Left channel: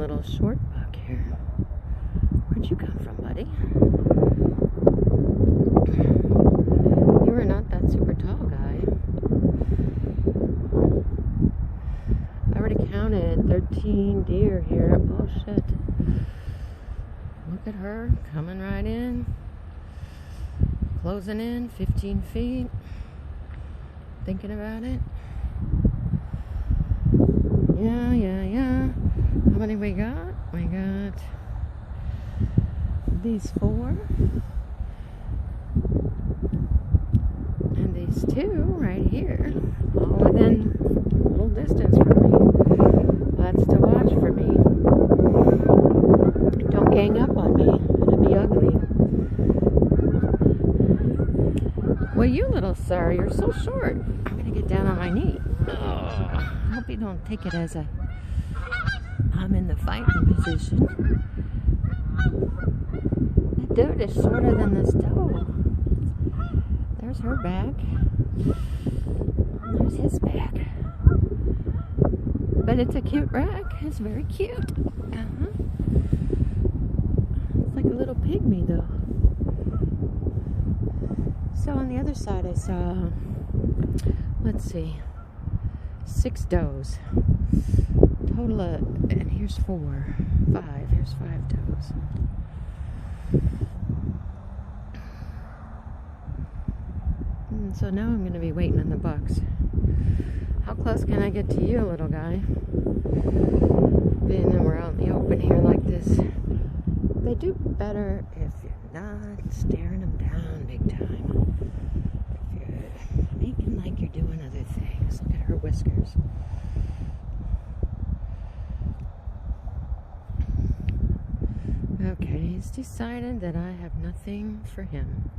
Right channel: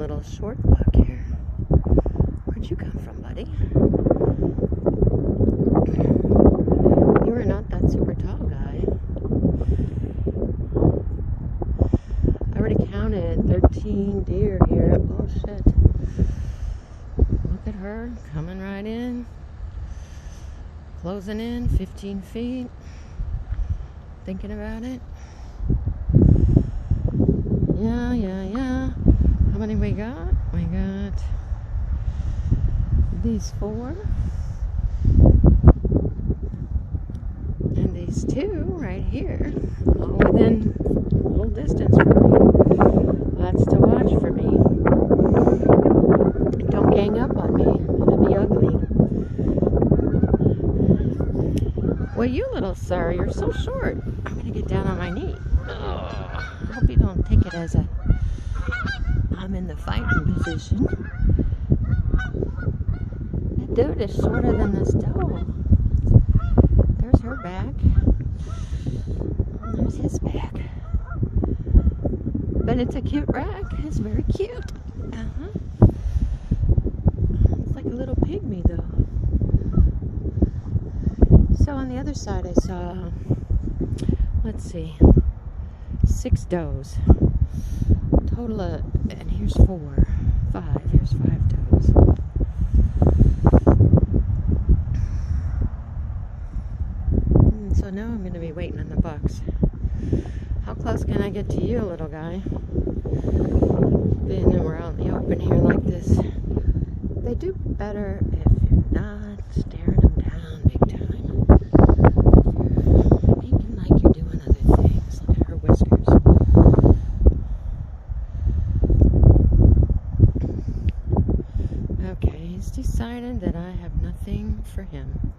little short buck here. Where'd you come from, buddy? You are not that super tall guy. I already counted 13 deer here. Oh shit. Look at her coming right in. Closing in 15 feet. Thinking about it. Yeah. How many we got? We got these 4. And these 2 right here. All within a little distance from me. Lots to watch for me. Don't gang up on me. It'll be ugly. Well, you little sir, you're so short. I'm gonna get down on my knee. I hope you don't take it as I'm in the fighting position. That dude is shorter than this doe. There's her back. And there's his back. But it's a cute rack. It's very cute. It's like a little pygmy though. So on the other side I saw, let's see, 6 does. Total of, and here's 5. Here's 5 does. And so now I'm going to be waiting on the bucks. How close can I get to you, little guy? Being that we're out in the open here like this. They do better if you're not staring them down big time. If you're making like you're doing other things. Look at her whiskers. Okay, he's decided that I have nothing for him.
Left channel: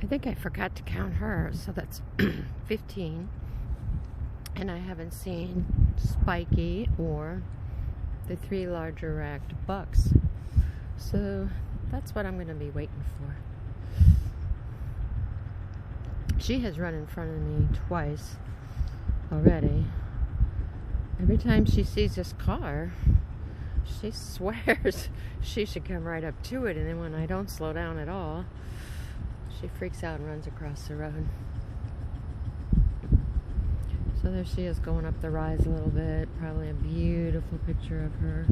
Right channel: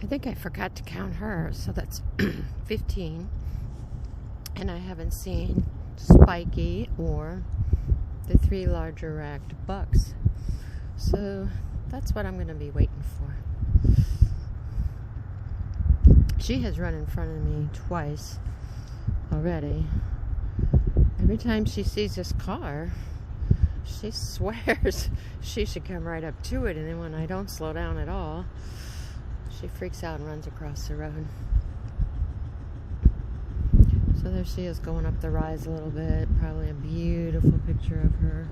I think I forgot to count her, so that's 15. And I haven't seen Spiky or the 3 larger racked bucks. So that's what I'm going to be waiting for. She has run in front of me twice already. Every time she sees this car, she swears she should come right up to it, and then when I don't slow down at all, she freaks out and runs across the road. So there she is going up the rise a little bit. Probably a beautiful picture of her.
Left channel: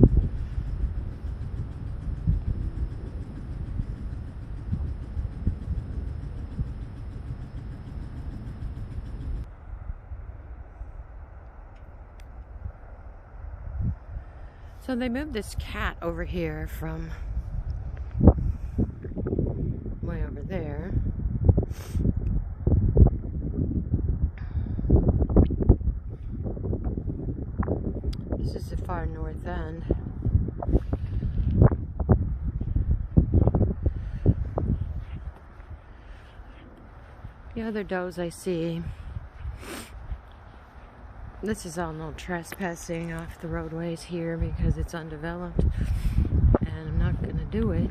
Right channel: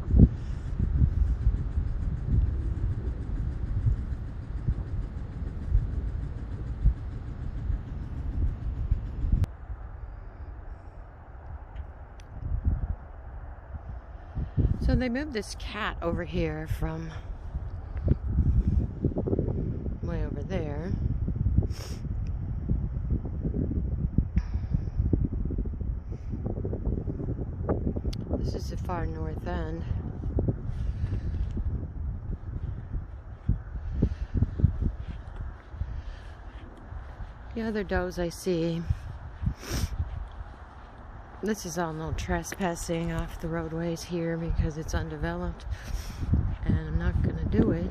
So they moved this cat over here from way over there. This is the far north end. The other does I see. This is all no trespassing off the roadways here because it's undeveloped, and I'm not going to do it.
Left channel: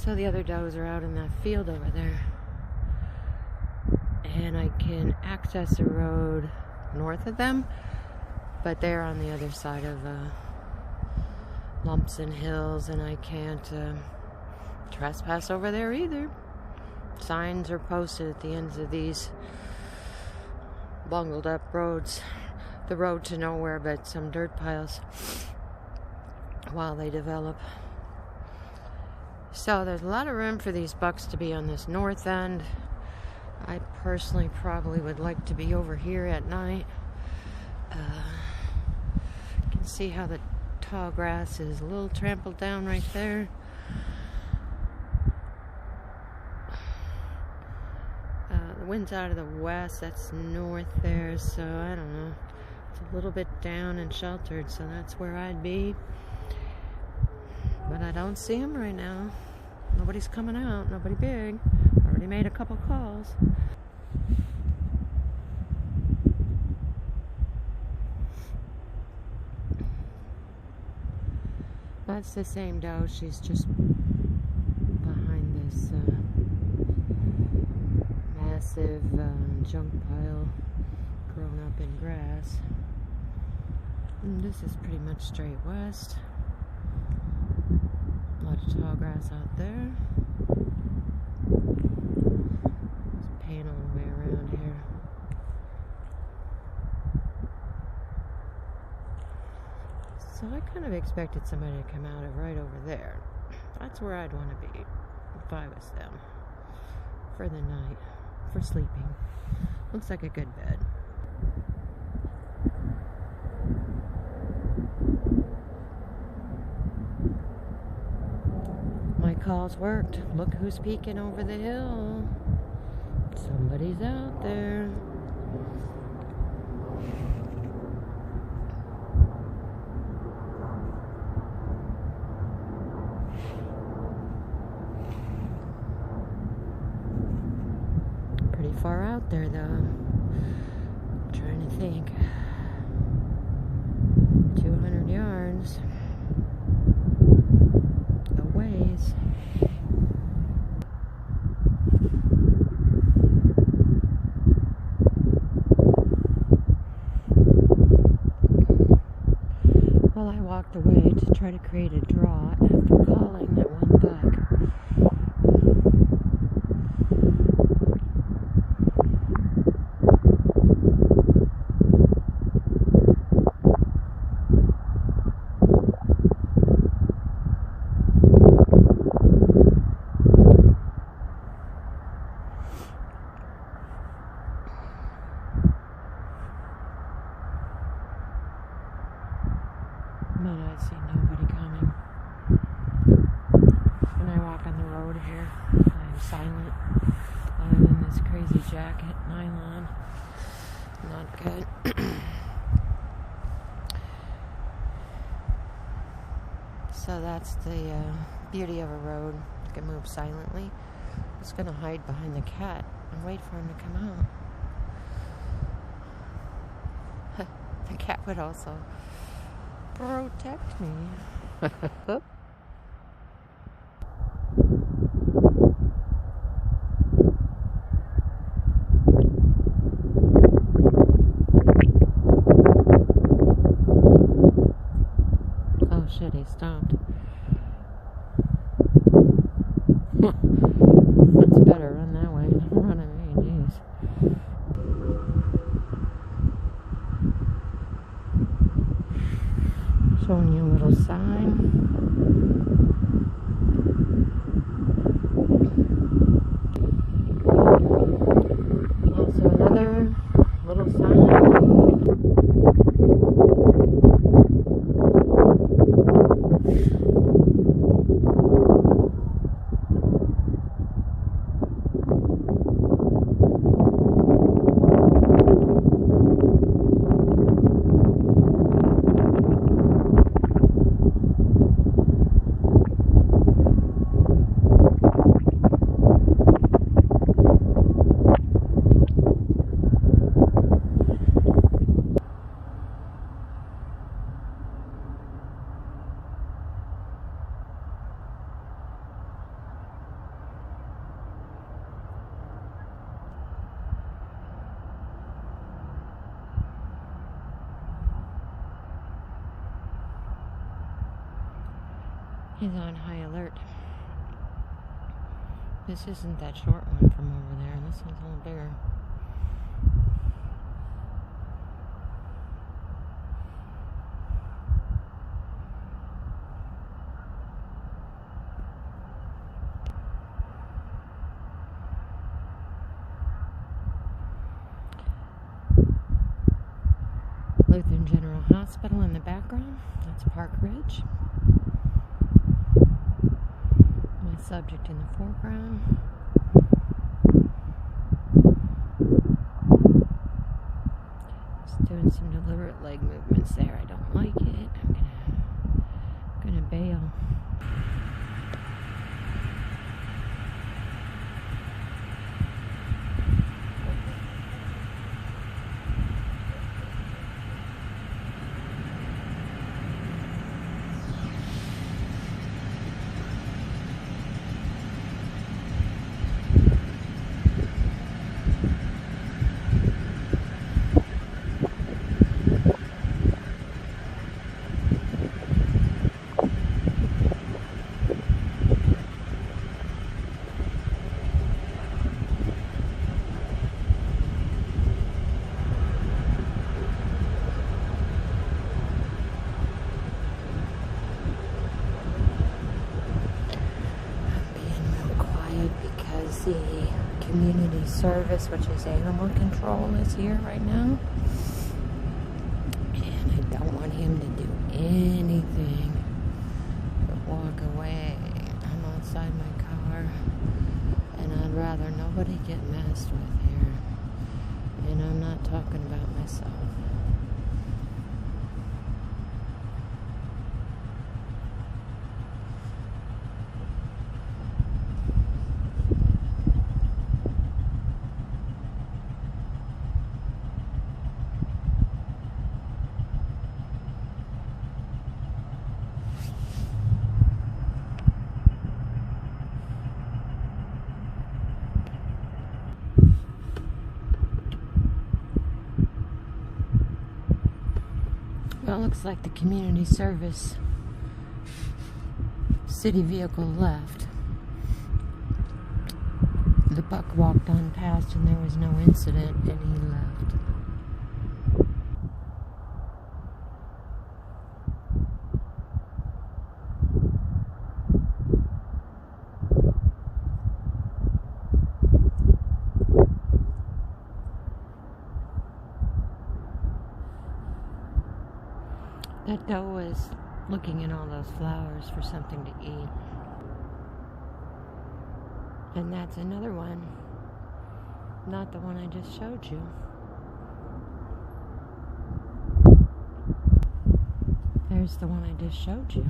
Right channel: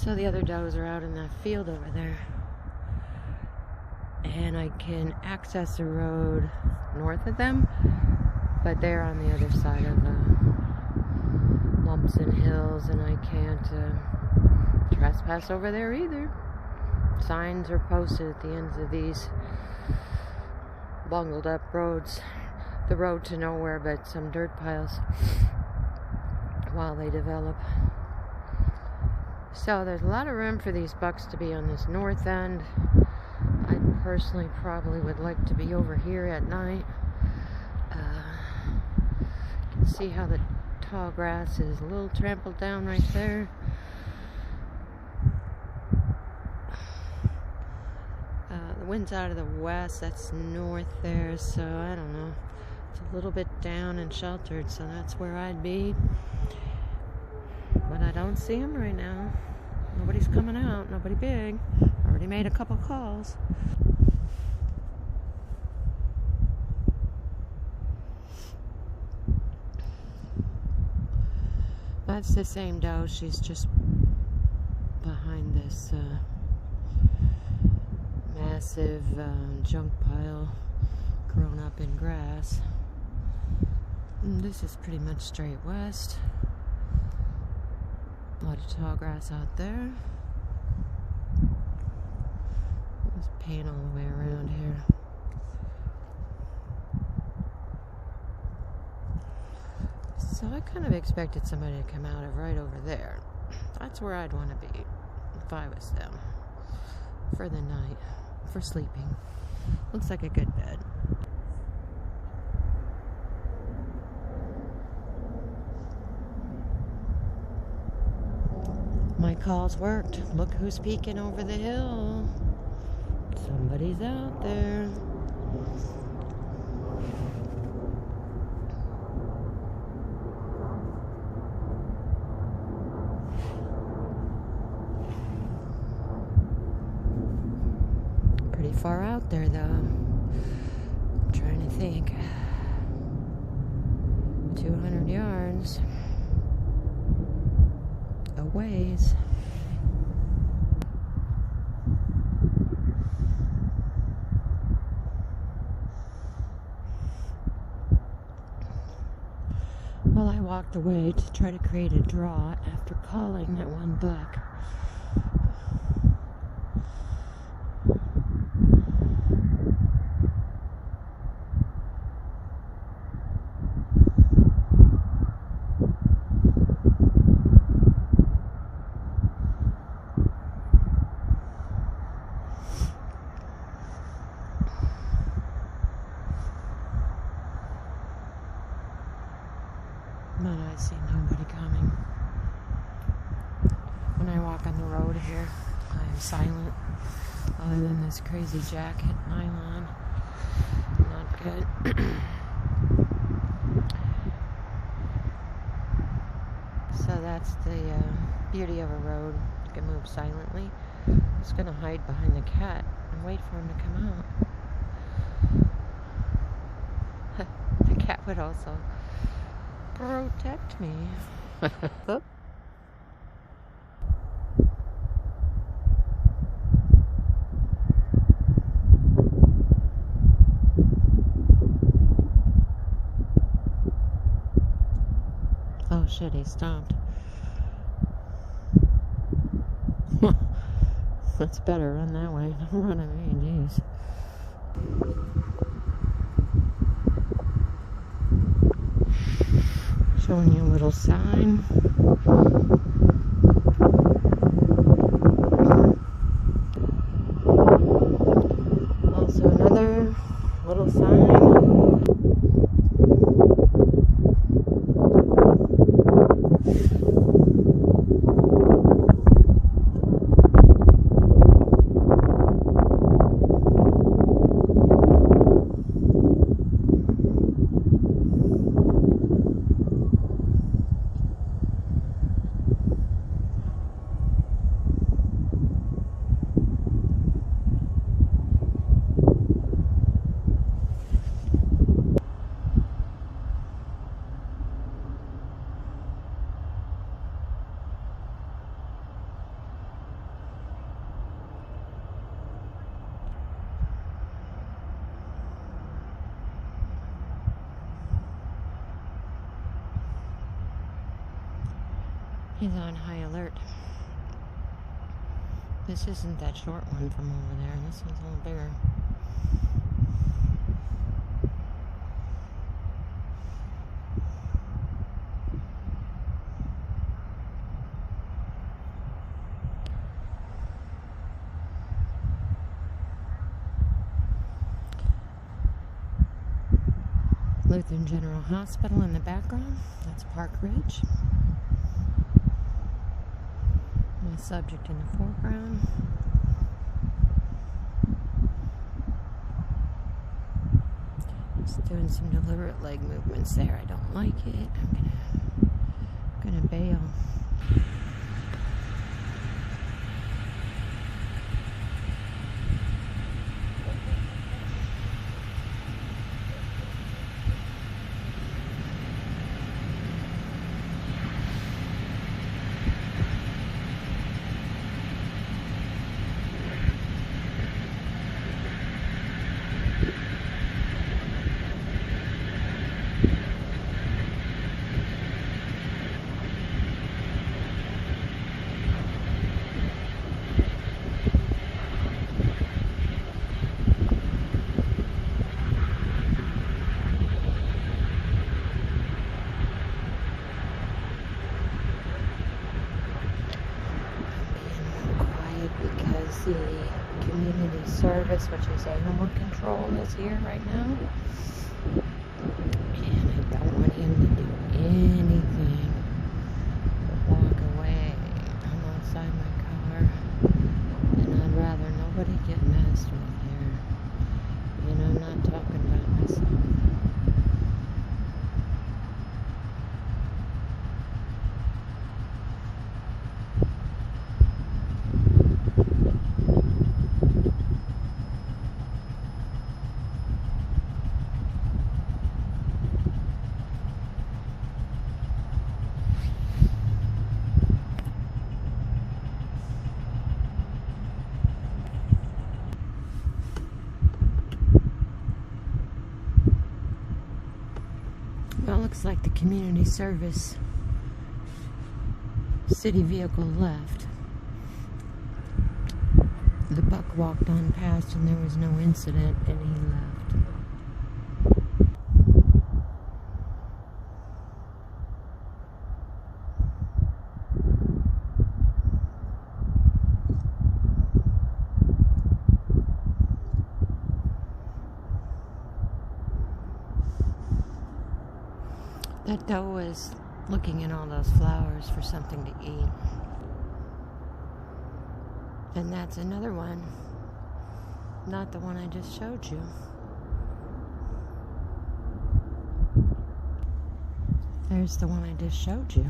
So the other does are out in that field over there, and I can access the road north of them, but they're on the other side of lumps and hills, and I can't trespass over there either. Signs are posted at the ends of these bungled up roads, the road to nowhere but some dirt piles while they develop. So there's a lot of room for these bucks to be on this north end. I personally probably would like to be over here at night. You can see how the tall grass is a little trampled down right there. The wind's out of the west, that's north there, so I don't know. It's a little bit down and sheltered, so that's where I'd be. But I don't see them right now. Nobody's coming out, nobody big. Already made a couple calls. That's the same doe. She's just behind this massive junk pile grown up in grass. And this is pretty much straight west. A lot of tall grass out there. There's paint all the way around here. So I kind of expected somebody to come out of right over there. That's where I'd want to be if I was them. For the night. For sleeping. Looks like a good bed. My calls worked. Look who's peeking over the hill. Somebody's out there. Pretty far out there though. I'm trying to think. 200 yards. A ways. Well, I walked away to try to create a draw after calling that one buck. But I see nobody coming. When I walk on the road here, I'm silent. Other than this crazy jacket, nylon. Not good. So that's the beauty of a road. You can move silently. I'm just going to hide behind the cat and wait for him to come out. The cat would also protect me. Oop. Oh shit, he stopped. That's better, run that way. Don't run at me, jeez. Showing you a little sign. Also another little sign. He's on high alert. This isn't that short one from over there. This one's a little bigger. Lutheran General Hospital in the background. That's Park Ridge. My subject in the foreground. Just doing some deliberate leg movements there. I don't like it. I'm gonna bail. good because the community service, which is animal control, is here right now. And I don't want him to do anything but walk away. I'm outside my car, and I'd rather nobody get messed with here. And I'm not talking about myself. Well, it looks like the community service city vehicle left. The buck walked on past and there was no incident, and he left. That doe was looking in all those flowers for something to eat. And that's another one. Not the one I just showed you. There's the one I just showed you.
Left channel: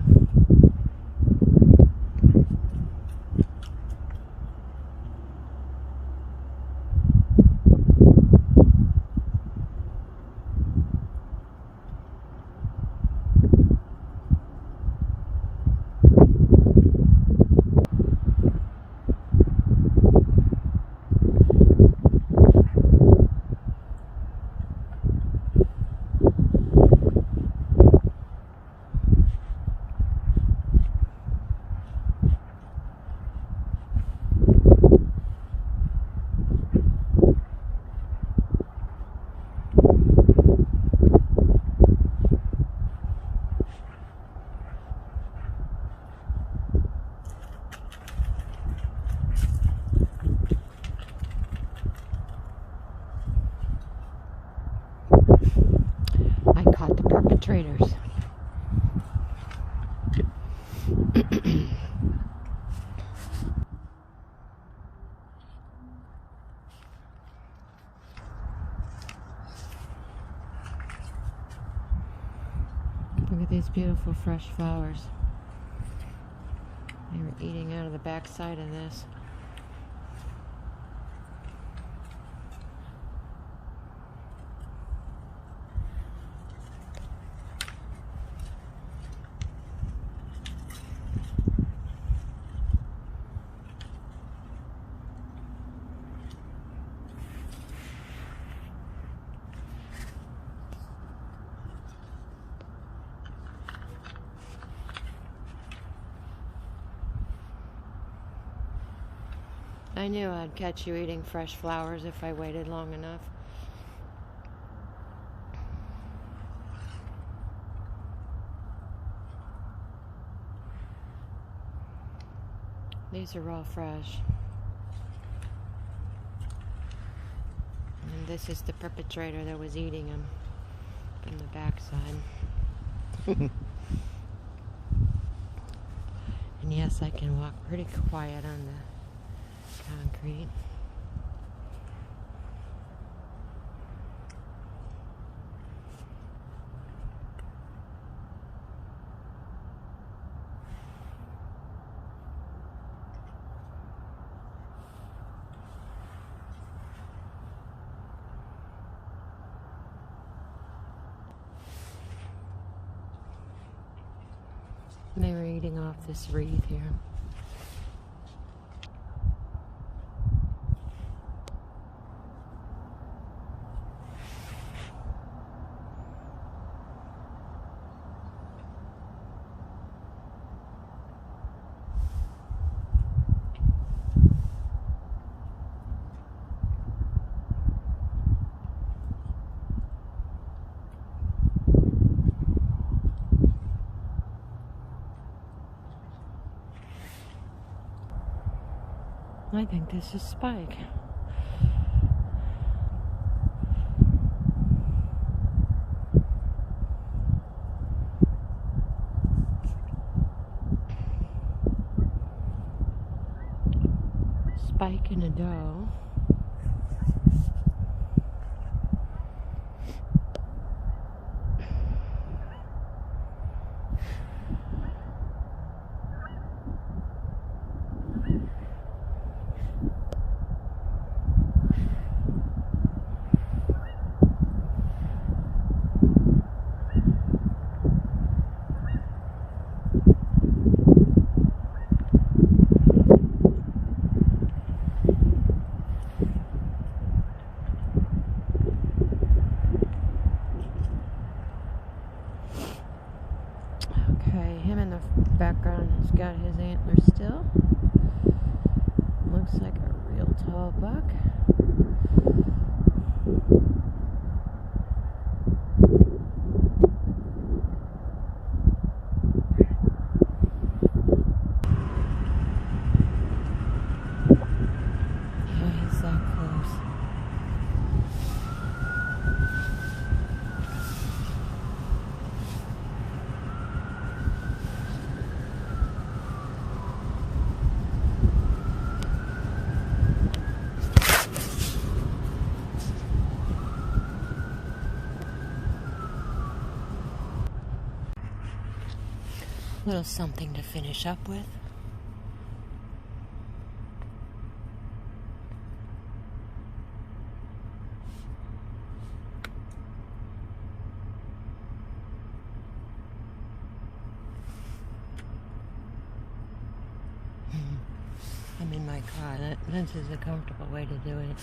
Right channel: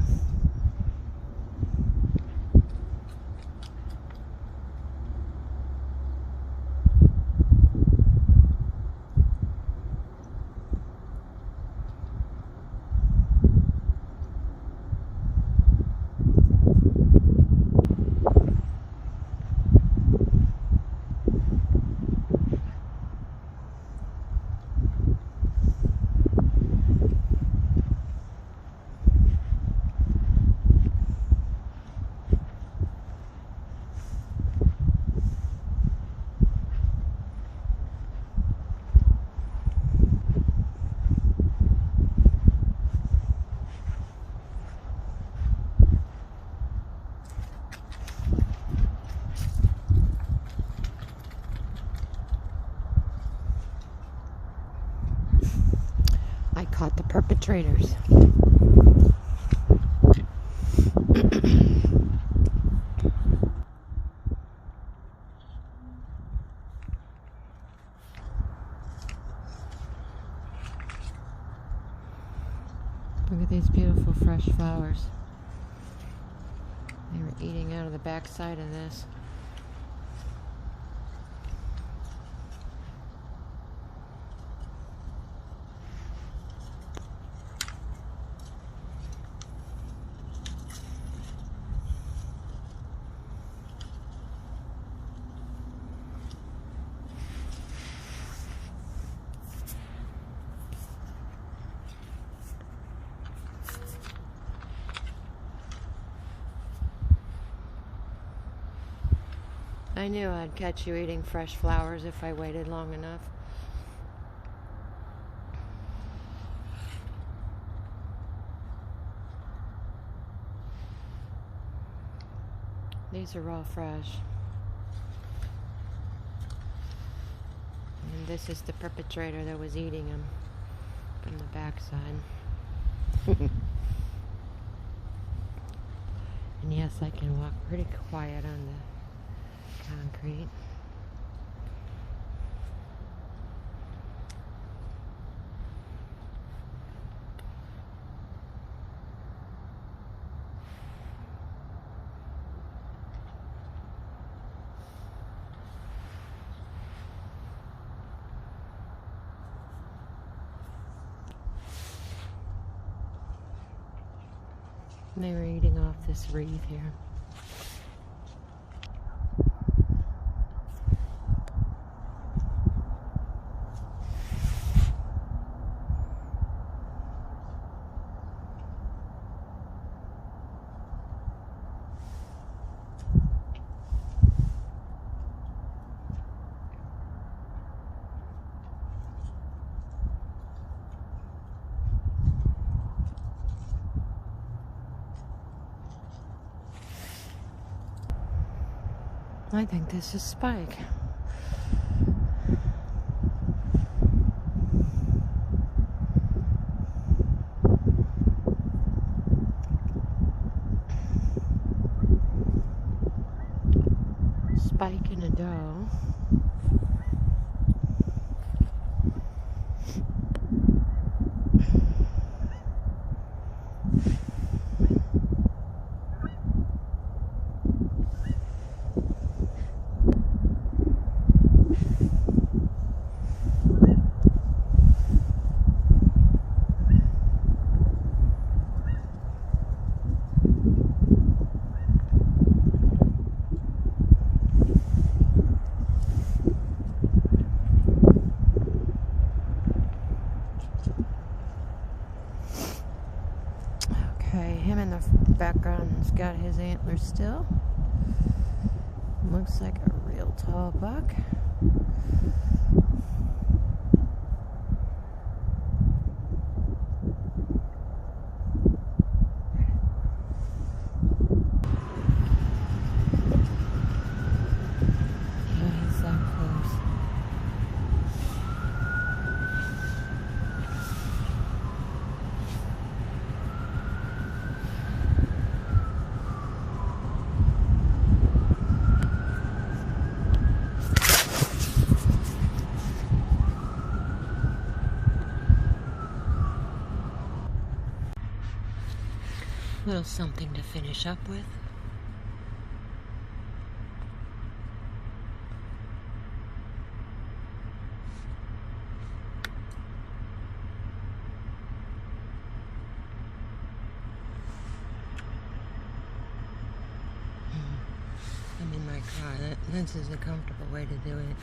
I caught the perpetrators. Look at these beautiful fresh flowers. They were eating out of the backside of this. I knew I'd catch you eating fresh flowers if I waited long enough. These are all fresh. And this is the perpetrator that was eating them from the backside. And yes, I can walk pretty quiet on the concrete. They were eating off this wreath here. I think this is Spike. Spike in a doe. Okay, him in the background has got his antlers still. Looks like a real tall buck. Yeah, he's that close. Little something to finish up with. I'm in my car. This is a comfortable way to do it.